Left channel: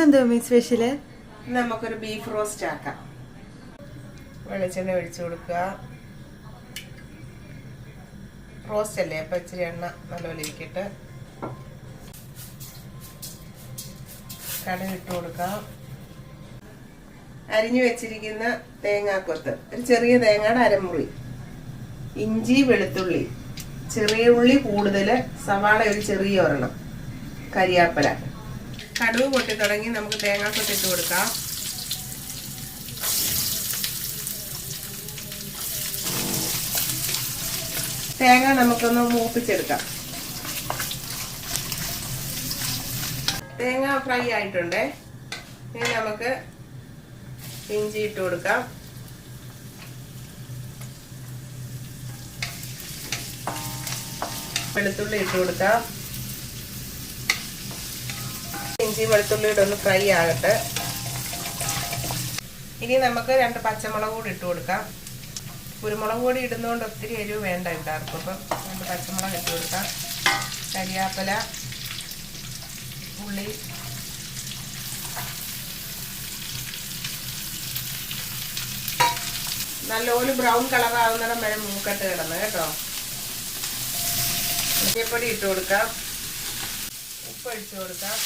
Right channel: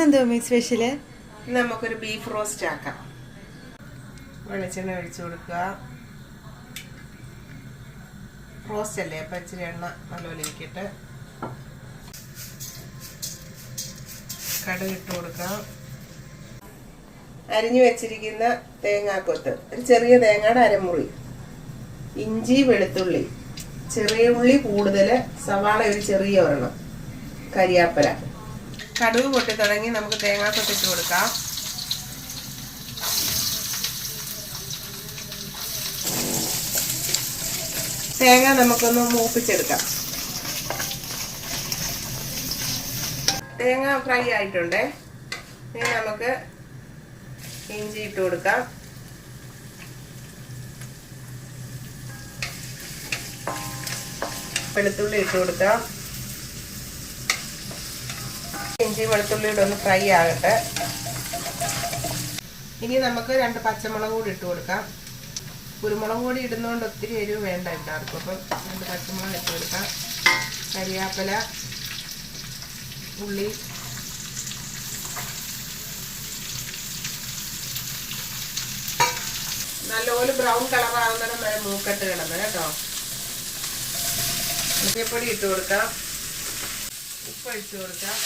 ഇന്നെന്തോ special? നമുക്കൊരു beef roast ആക്കാം. വെളിച്ചെണ്ണ ഒഴിച്ചു കൊടുക്കുക. റോസ്റ്റ് അല്ലേ, അപ്പം ഇച്ചിരി എണ്ണ നല്ലപോലെ ഇരിക്കട്ടെ. കടുക് ഇട്ട് കൊടുക്കാം. അരിഞ്ഞു വെച്ചിരിക്കുന്ന തേങ്ങാക്കൊത്ത്, ഒരു ചെറിയ തേങ്ങയുടെ അരമുറി, ഇഞ്ചി വെളുത്തുള്ളി, ചെറിയ ഉള്ളി കൂടുതൽ, സവാള ഒരു ചെറിയ ഒരെണ്ണം, കരിയാപ്പല. കടുക് പൊട്ടി തുടങ്ങി നമുക്ക് തേങ്ങാക്കൊത്ത് ഇട്ട് കൊടുക്കാം. തേങ്ങ നമുക്കൊന്ന് മൂപ്പിച്ചെടുക്കാം. തേങ്ങ ഫ്രൈ ആയിട്ടുണ്ട്. ഇനി നമുക്ക് ഇഞ്ചി ഇട്ട് കൊടുക്കാം. വെളുത്തുള്ളി ഇട്ട് കൊടുക്കാം. ഇഞ്ചി വെളുത്തുള്ളിയുടെ ഒന്ന് ഫ്രൈ ആകട്ടെ. ഇനി നമുക്ക് 2 പച്ചമുളക് കൂടി ഇട്ട് കൊടുക്കാം. കുരുമുളക് പൊടി ഇടുന്നതുകൊണ്ട് ഒത്തിരി എരിവ് വേണ്ട എല്ലാവർക്കും. അപ്പം 2 പച്ചമുളക് ഇട്ട് കൊടുക്കാം. കരിയാപ്പല, ഉള്ളി, നല്ലപോലെ ബ്രൗൺ കളർ ആവുന്നിടം വരെ മൂക്കട്ട് കിടന്ന് കേട്ടോ. മഞ്ഞൾപ്പൊടി ഇട്ട് കൊടുക്കാം. ഉപ്പ് ഒഴിച്ചു കൊടുക്കാം.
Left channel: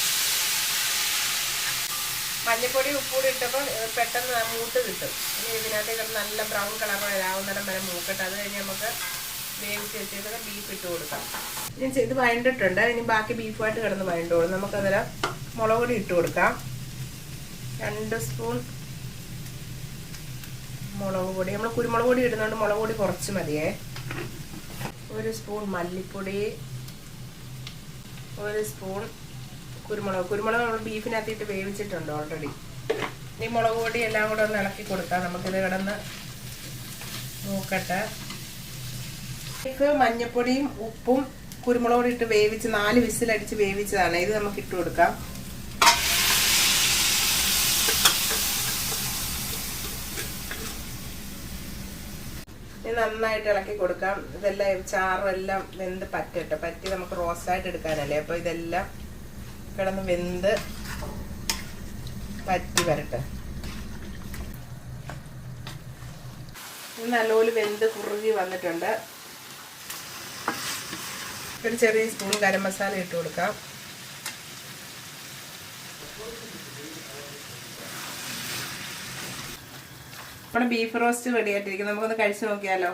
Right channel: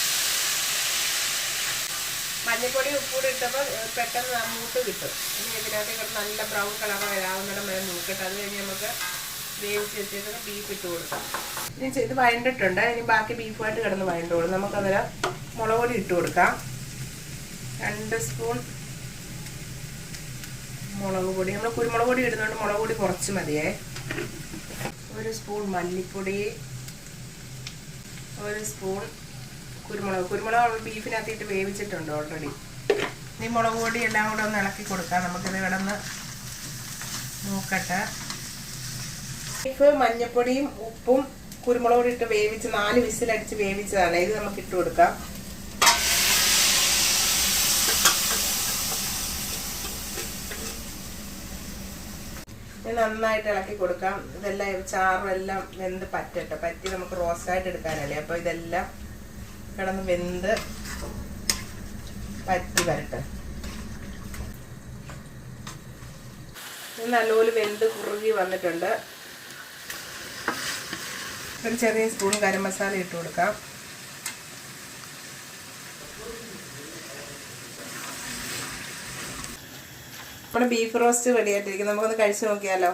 മഞ്ഞൾപ്പൊടി ഉപ്പൂടി ഇട്ടപ്പോൾ പെട്ടെന്ന് മൂത്ത് കിട്ടും. ഇനി ഇതിനകത്ത് കിടന്ന് നല്ല ബ്രൗൺ കളർ വരാവുന്നിടം വരെ മൂക്കട്ട്. അത് കഴിഞ്ഞ് നമുക്ക് വേവിച്ച് വെച്ചിട്ട് ബീഫ് ഇട്ട് കൊടുക്കാം. ഇനി ഇത് വഴണ്ടിട്ടുണ്ട്. ഇനി ബാക്കി ബീഫുമായിട്ട് കിടന്ന് വഴണ്ടോളും. നമുക്കന്നേരം മുളക് പൊടി ഇട്ട് കൊടുക്കാം. 2 സ്പൂൺ മുളക് പൊടി. നമ്മൾ കുരുമുളക് പൊടി ഇടുന്നുണ്ട്, മുളക് പൊടി കുറച്ച് മതിയേ. 1 സ്പൂൺ മല്ലിപ്പൊടി, 1 സ്പൂൺ കുരുമുളക് നമ്മൾ ബീഫിനകത്തിട്ട് വേവിച്ചിട്ടുണ്ട് ഓൾറെഡി. ഈ മുളക് പൊടി എല്ലാം കൂടെ ഒന്ന് ഇളക്കി കൊടുക്കാം. നമുക്കിത് കിടന്ന് നോക്കട്ടെ. ബീഫ് മഞ്ഞപ്പൊടിയും ഉപ്പും കുരുമുളക് പൊടി ഇട്ട് വേവിച്ച് 4 വിസിലടിച്ച് വേവിച്ചതാണ്. ഇത് നമുക്ക് ഇട്ട് കൊടുക്കാം. നന്നായിട്ട് ഇളക്കി കൊടുക്കാം. ഇതെല്ലാം ചാറെല്ലാം വെന്ത് പറ്റട്ടെ. പറ്റി നമുക്ക് റോസ്റ്റായിട്ട് എടുക്കാനല്ലേ. അപ്പോൾ ഇതെല്ലാം കിടന്ന് വെന്ത് പറ്റി വരട്ടെ. നല്ലപോലെ വെന്ത് കുറുകി വന്നിട്ടുണ്ട്. ഒരു ചെറിയ സ്പൂൺ ഗരം മസാല ഇട്ട് കൊടുക്കാം. നമ്മുടെ ബീഫ് റോസ്റ്റ് റെഡിയായിട്ടിരിക്കും. നമുക്കൊന്ന് കഴിച്ചു നോക്കിയാലോ.